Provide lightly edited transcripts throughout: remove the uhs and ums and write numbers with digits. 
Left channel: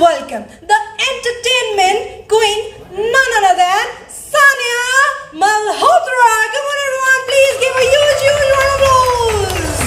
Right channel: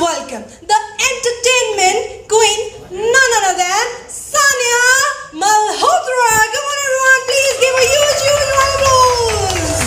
welcome the entertainment queen, none other than Sania Malhotra. Come on everyone, please give a huge round of applause.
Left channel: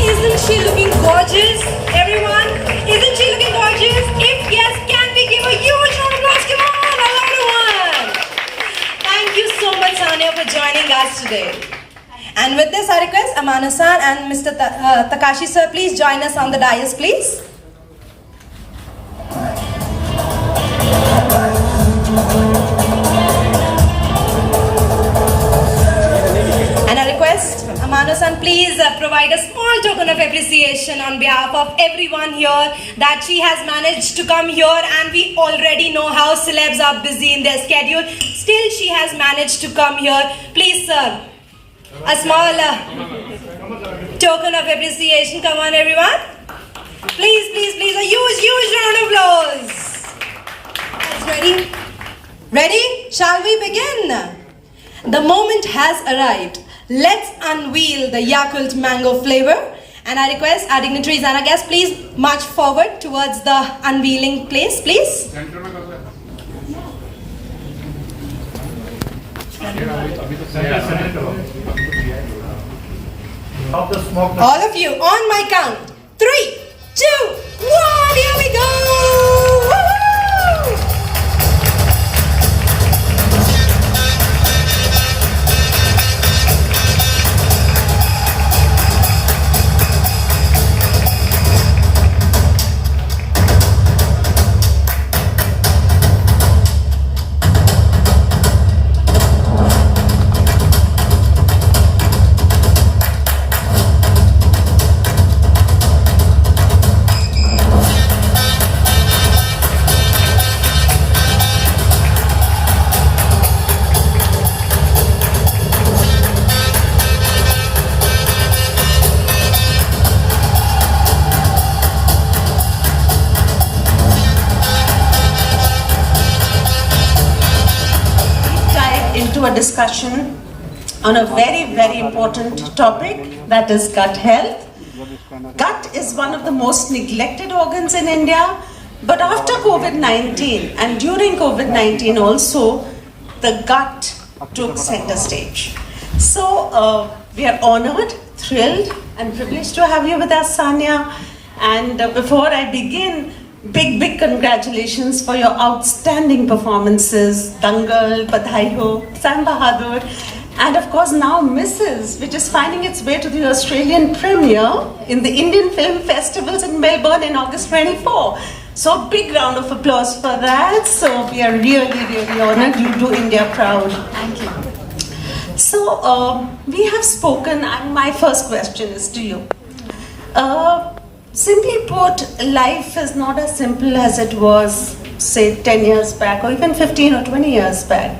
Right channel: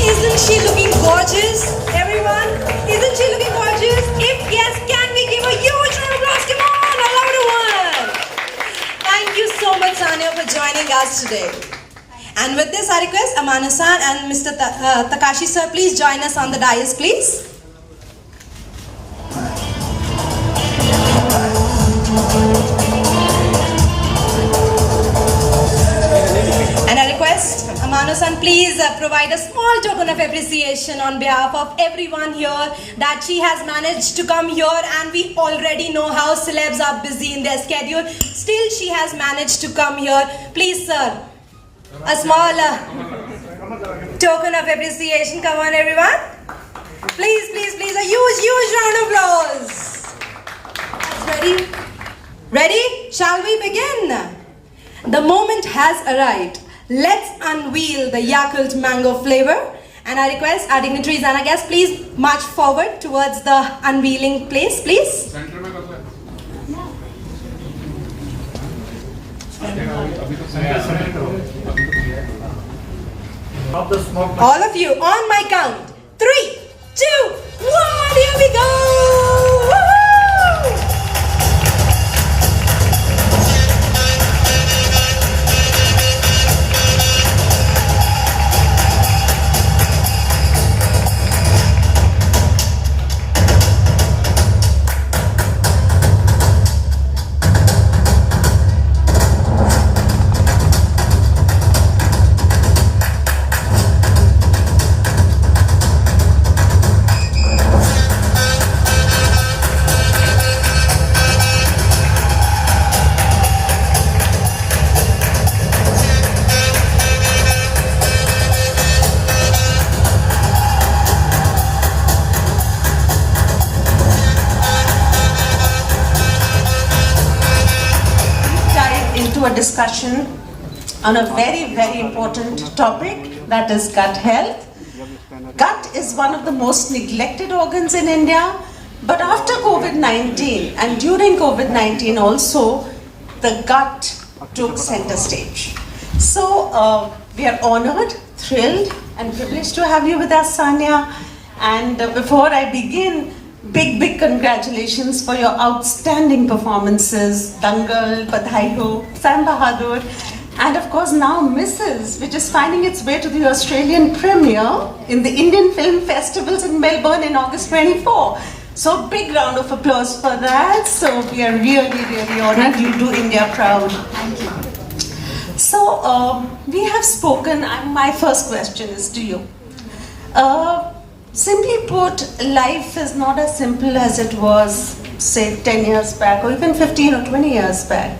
Isn't she looking gorgeous, everyone? Isn't she looking gorgeous? If yes, can we give a huge round of applause? Come on, a louder one. Thank you so much, Sania, for joining us today. And with this, I request Amana-san and Mr. Takashi sir, please join us on the dais, please. And I request Amana-san, please provide a small token of appreciation on behalf of everyone here that she has managed to come here, and we already know how celebs are busy in their schedule. Still, she has managed to come here. Please, sir. A small token of appreciation. Come on, everyone. Please, please, please. A huge round of applause. Ready? Ready? Shall we begin? The moment has arrived. Let's unveil the Yakult mango flavor. And I request our dignitaries and our guests, please march forward towards the unveiling place, please. All of you, on my count. 3, 2, 1, here we go! Woo-hoo! A discussion on a very important topic, that is gut health. Gut is one of the most neglected organs in India, but after COVID-19 and during COVID-19 also, the gut took center stage. So we are honored, thrilled and privileged to have you with us, Sania. And before I begin, big congratulations for your outstanding performances, Dangal, Badhai Ho, Sam Bahadur, and of course now Mrs., which is finding its way to the Australian premiere in the Indian Film Festivals in Melbourne in August 24. So big round of applause for that. So we are really honored. You do India proud. Thank you. So we have spoken, and my first question is to you. Simply put, life is not as simple as it was, say, 10 years back or even 15 or 20 years back.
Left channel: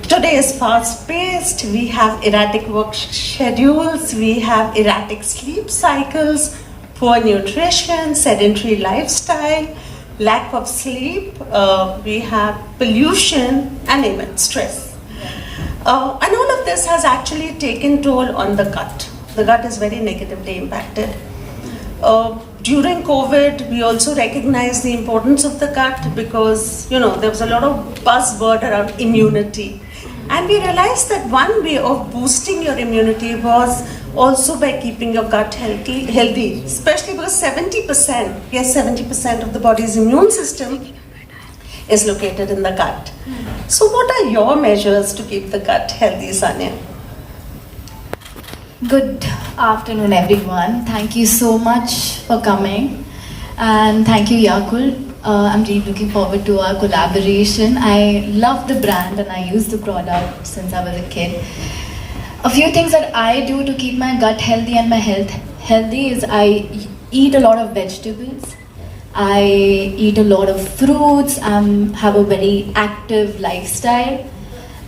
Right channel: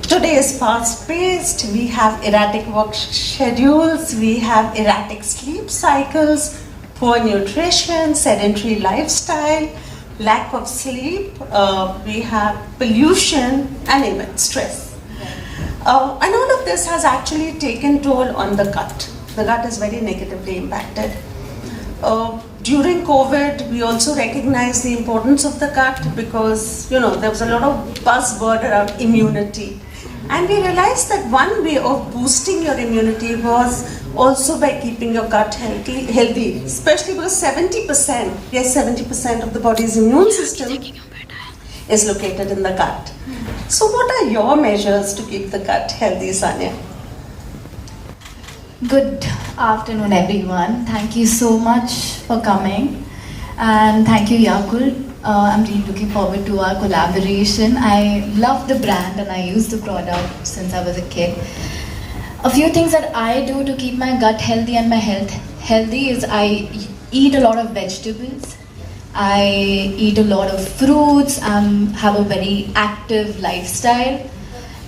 Today is fast-paced, we have erratic work schedules, we have erratic sleep cycles, poor nutrition, sedentary lifestyle, lack of sleep, we have pollution and even stress. And all of this has actually taken toll on the gut. The gut is very negatively impacted. During COVID, we also recognized the importance of the gut because, there was a lot of buzzword around immunity. And we realized that one way of boosting your immunity was also by keeping your gut healthy, especially because 70% of the body's immune system is located in the gut. So what are your measures to keep the gut healthy, Sania? Good afternoon, everyone. Thank you so much for coming, and thank you, Yakult. I'm really looking forward to our collaboration. I love the brand and I use the product since I was a kid. A few things that I do to keep my gut healthy and my health healthy is I eat a lot of vegetables. I eat a lot of fruits. Have a very active lifestyle.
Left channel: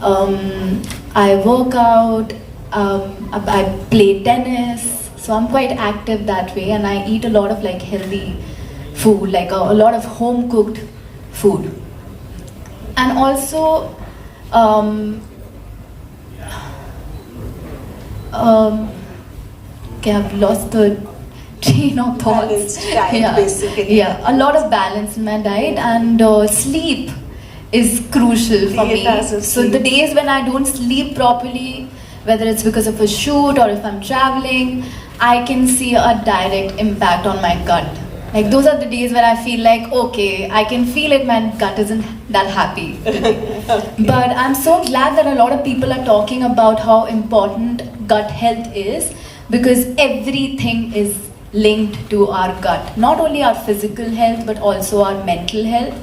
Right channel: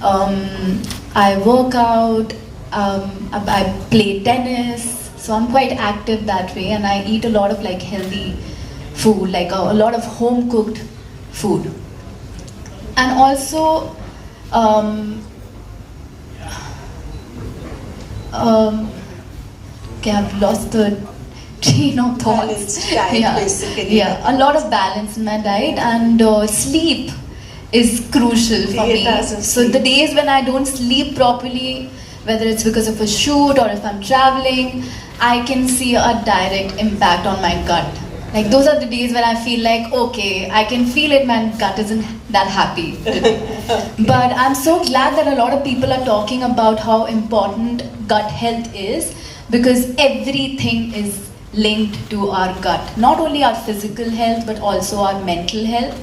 I work out. I play tennis, so I'm quite active that way, and I eat a lot of healthy food, like a lot of home cooked food. And also Okay, I've lost the train of thoughts. Balanced diet, basically. Yeah, a lot of balance in my diet, and sleep is crucial for It me. has a So the sleep. days when I don't sleep properly, whether it's because of a shoot or if I'm traveling, I can see a direct impact on my gut. Like those are the days when I feel like, okay, I can feel it, my gut isn't that happy. But I'm so glad that a lot of people are talking about how important gut health is, because everything is linked to our gut. Not only our physical health, but also our mental health.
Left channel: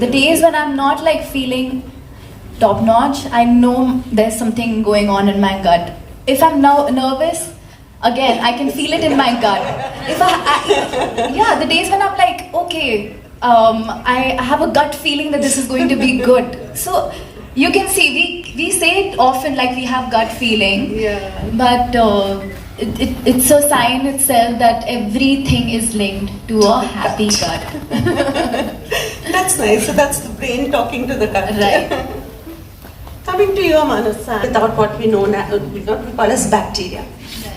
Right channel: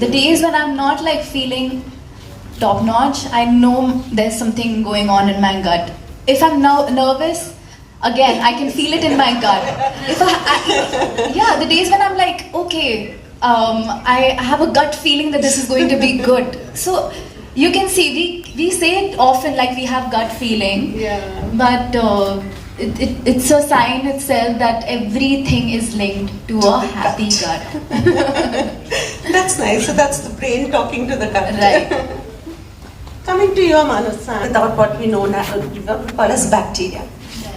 The days when I'm not like feeling top notch, I know there's something going on in my gut. If I'm now nervous, again, I can feel it in my gut. Yeah, the days when I'm like, okay, I have a gut feeling that this is going to be good. So you can see, we say it often like we have gut feeling, Yeah. but it's a sign itself that everything is linked to a happy gut. That's nice. So that's the brain talking to the gut. Right. Coming to your Manasa, without what we know now, we call as bacteria.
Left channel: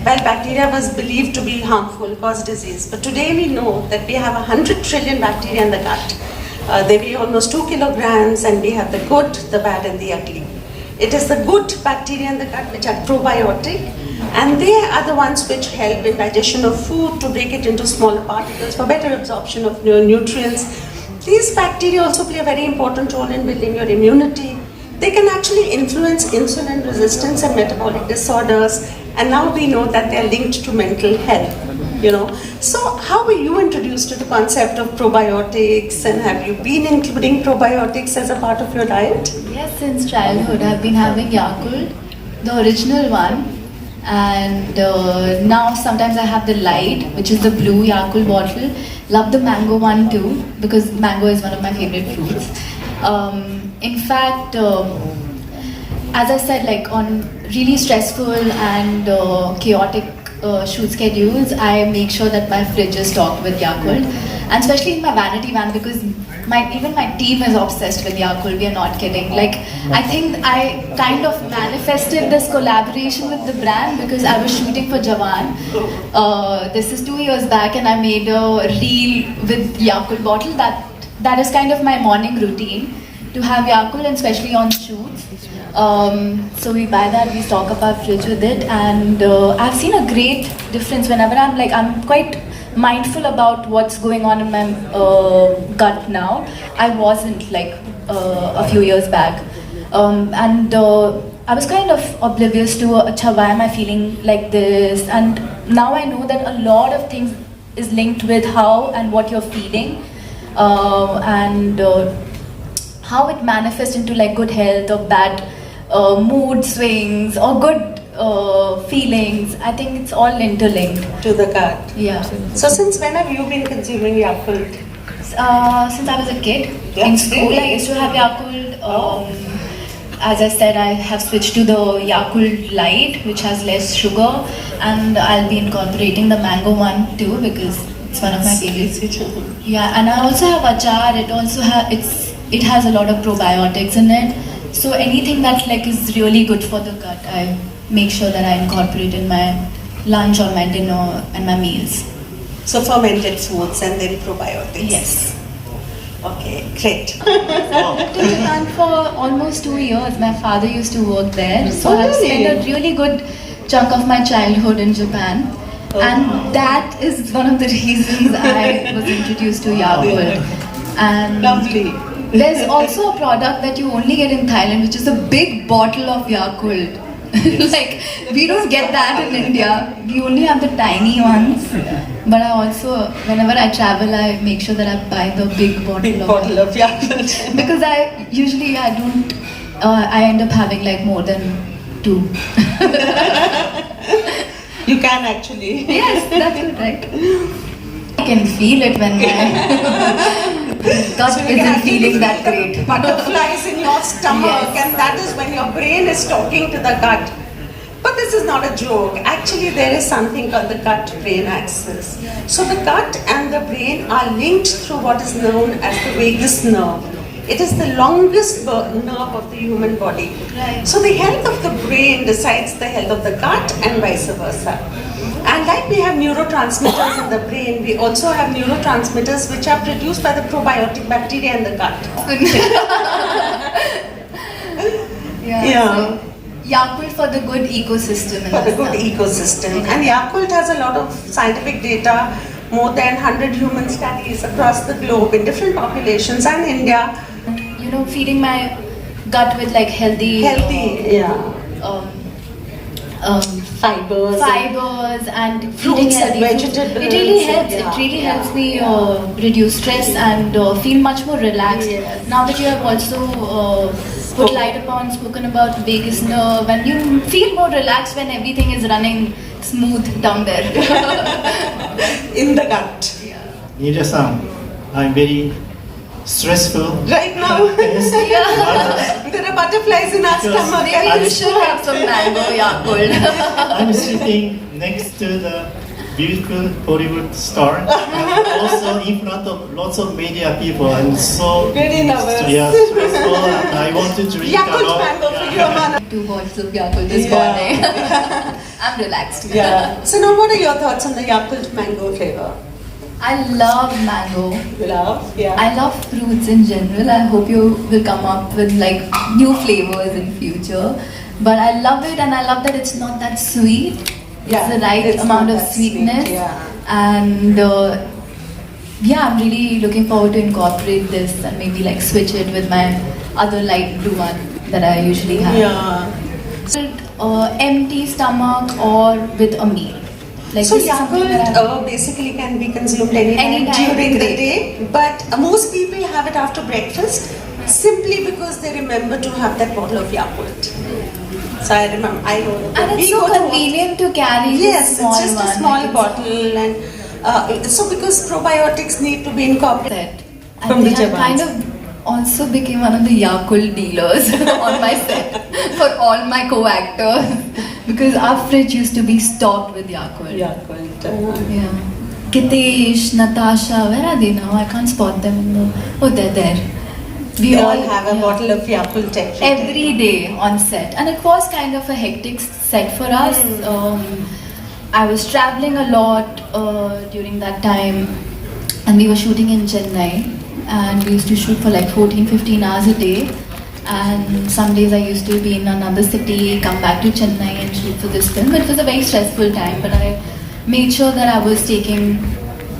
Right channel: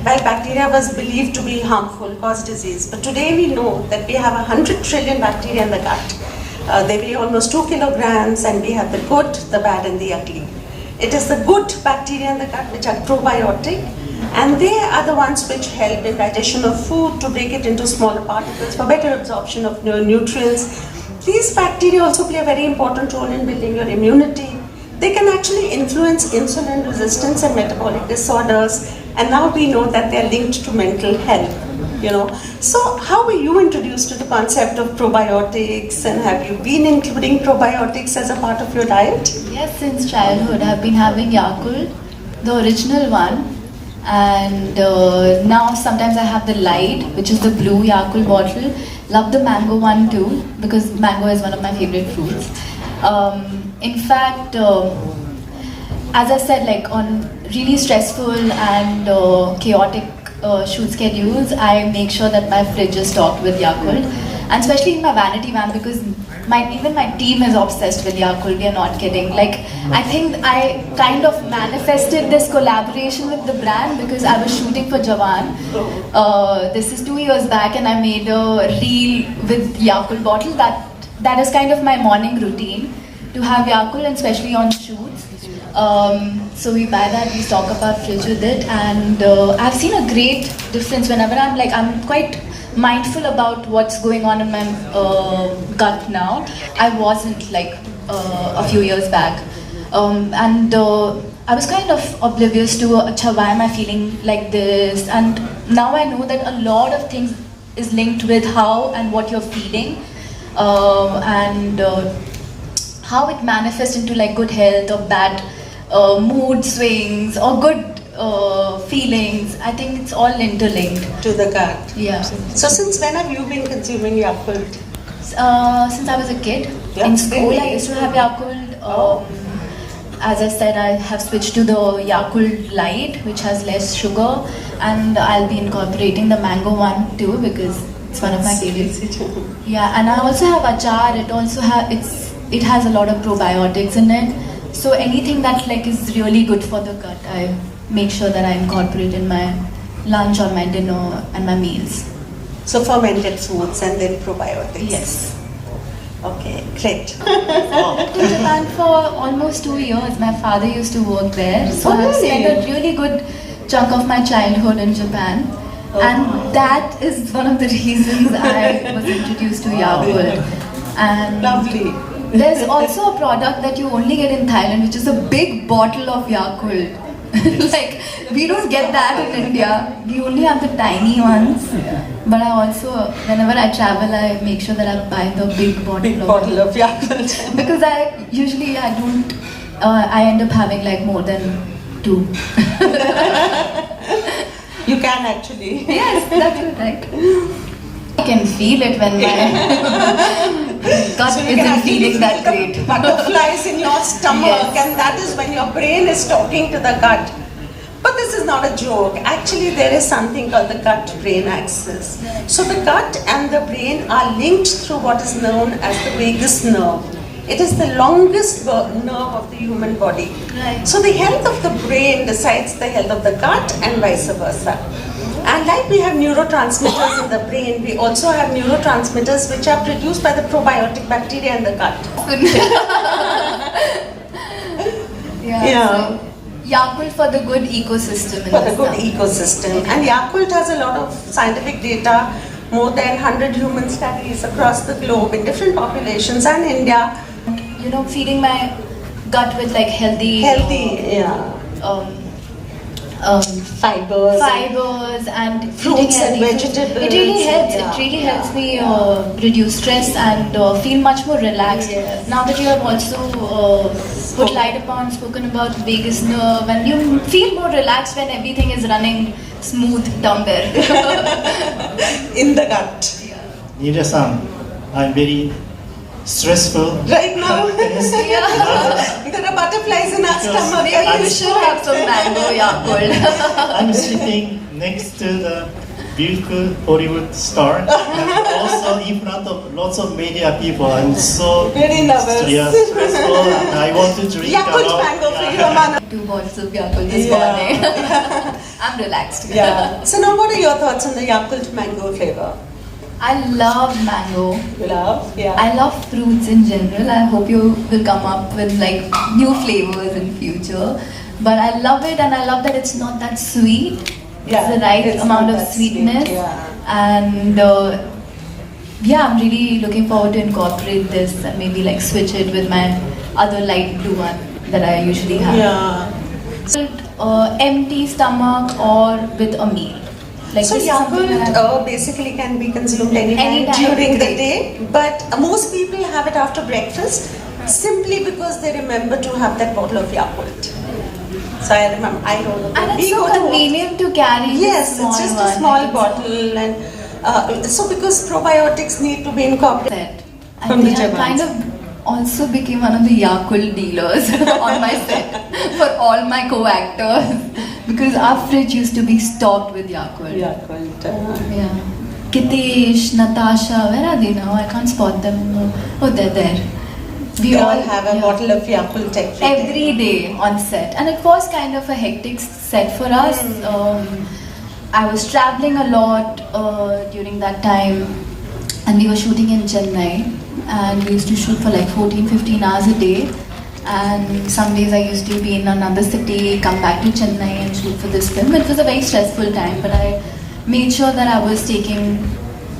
Well, bacteria was believed to be harmful, cause disease. But today we know that we have 100 trillion bacteria in the gut. They weigh almost 2 kilograms, and we have the good, the bad, and the ugly. It is the good bacteria in the gut which are probiotic, and they are the ones which help in digestion of food to break it into smaller particles for better absorption of nutrients. These bacteria also play a very important role in building your immunity. They can actually influence insulin resistance and metabolic disorders, and now we know that they are linked to mental health. So how were you introduced to the concept of probiotics, and have you been including probiotics as a part of your diet? Yes, since childhood I've been having Yakult, the original one, and now sometimes I have the light, which is the blue Yakult bottle. Love the mango one too, because mango is one of my favorite fruits. In fact, as I said, like on really stressful and chaotic shoot schedules, I make sure that my fridge is stocked with Yakult, and especially in my vanity van, because even my team is obsessed with Yakult. We are not kidding. Like, I think I kind of manifested this collaboration with the brand because I was shooting for Jawan. This is 2 years back, and I made a reel with Yakult bottle. That is kind of my morning routine, to have Yakult, and especially on shoots. So we buy that, we stock up our fridge with it, and I've seen a great difference whenever I'm quite mindful about what's going on in my gut now. I wasn't like a few years back, and I was kind of oblivious to Acha, why am I feeling like this? And now I know that a lot of things is linked with how and what you're feeling, and how it manifests into like good health or bad mood swings or good feelings. I think it's all interlinked. To the gut. Yeah. So since when have you been consuming Yakult? Since I was a kid, Yeah, in school really? I used to have Yakult. As I said, I have switched to the Yakult Light, which has less sugar, and I'll be incorporating the mango one too, because it's one of my favorites. Yeah, and I also have achar. It has a lot of probiotics in it. So anything that like is really good for the gut, I make sure that I incorporate in my lunch or my dinner and my meals. So fermented foods and then probiotics. Yes. Okay, great. I've lived in Japan for almost 2 years. My father used to work there, so Oh, I've really? spent a really good chunk of my childhood in Japan. And that is one of the reasons I was introduced to Yakult. And Lovely. there's also a product that you only get in Thailand, which is a big bottle of Yakult. Like, we don't get that in India. We only have the tiny ones. But I also, whenever I travel, I make sure that I buy the big bottle of Yakult. because I don't, I end up having like more than 2. You can actually. Yes, that's it, right? I can feel it when my gut So you can isn't actually feeling feel that the great. butterflies in your stomach, Yes. and that is when your brain is talking to the gut. But this is not a joke. Actually, there is something called the gut-brain axis. So the gut and the brain are linked through what is known as the vagus nerve. It is the longest nerve of the human body. Right. So the health of the brain decides the health of the gut and vice versa. And like we have neurotransmitters in the brain, we also have neurotransmitters which are produced by the probiotic bacteria in the gut. Yeah. So Yakult for the good ecosystem. in For the this good town. ecosystem. And Yakult has a lot of scientific data, more than 100 human studies across the globe in different populations and India. You know, feeding my gut with like healthy, um, Fibers. fibers and Fruits eating and healthy foods. vegetables. It really helps. Yeah. It really helps me reduce stress and feel much more relaxed. Yes. Now that you have also put light upon, spoken about vagus nerve, and you feel more relaxed when everything is running smooth down there. In the gut. Nirja-san, I'm very stressful. Right now, Yes. there are butterflies in our stomach. Maybe you should have some mango Yakult. I'm sitting next to the beautiful Hollywood star. And also in front of lots of media people. I'm so Very nervous. stressful. And I want to drink a Yakult lot. mango for you, Amana. 2 bottles of Yakult this Yeah. morning. I'm relaxed. Yeah. So now what are your thoughts on the Yakult mango flavor? I love mango. You love? Yeah. I love fruits in general. I hope you will come up with like new flavors in future. But I love it, and I love that it's not that sweet. Yeah, It's the right it's amount not of that sweet, sweetness. yeah. And yeah, I'm really looking forward to incorporate this and maybe like switch it with my other light blue one that I usually have. Yeah. Empty stomach or with a meal. Like So this is something that Yakult I'm- basically can be consumed anytime Anytime, during the great. day, but most people have it after breakfast simply because they remember to have that bottle of Yakult. So I remember, and we it's so go to- convenient to carry. Yes, small it's just a one. small Like, it's bottle, and so because probiotics need to be incorporated. set. From And the then I Jabans. kind of also became one of the Yakult dealers on my set for all my co-actors because our fridge used to be stocked with Yakult. Yakult. Yeah. Kitesh, Natasha, where are they now? I can't spot them. Oh, they're there. We all have a yeah. bottle of Yakult Every day on set, and it was kind of a hectic set for us. I was traveling a lot during that time, and we were shooting in Chennai, and we used to shoot for like 14-15 hours a day. And some days I used to be in another city, come back to Chennai and shoot for this film. It was a very stressful time, but I made sure that I was taking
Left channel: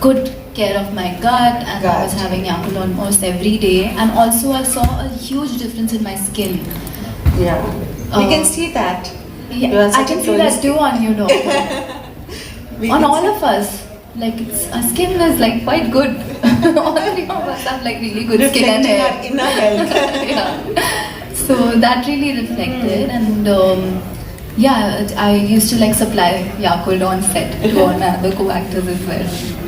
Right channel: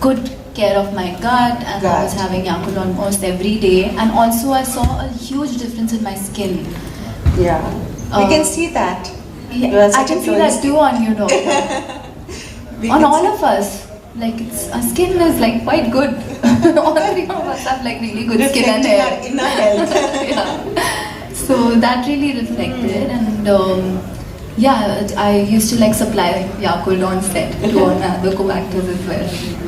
good care of my gut, and I was having Yakult almost every day. And also I saw a huge difference in my skin. Yeah. We Uh, can see that. You Yeah, are I such can a see glowing that too on you, doctor. We On can all see- of us. Like our skin is like quite good. All 3 of us have like really good skin and reflecting hair. our inner health. Yeah. So that really reflected, and yeah, I used to like supply Yakult on set to all my other co-actors as well.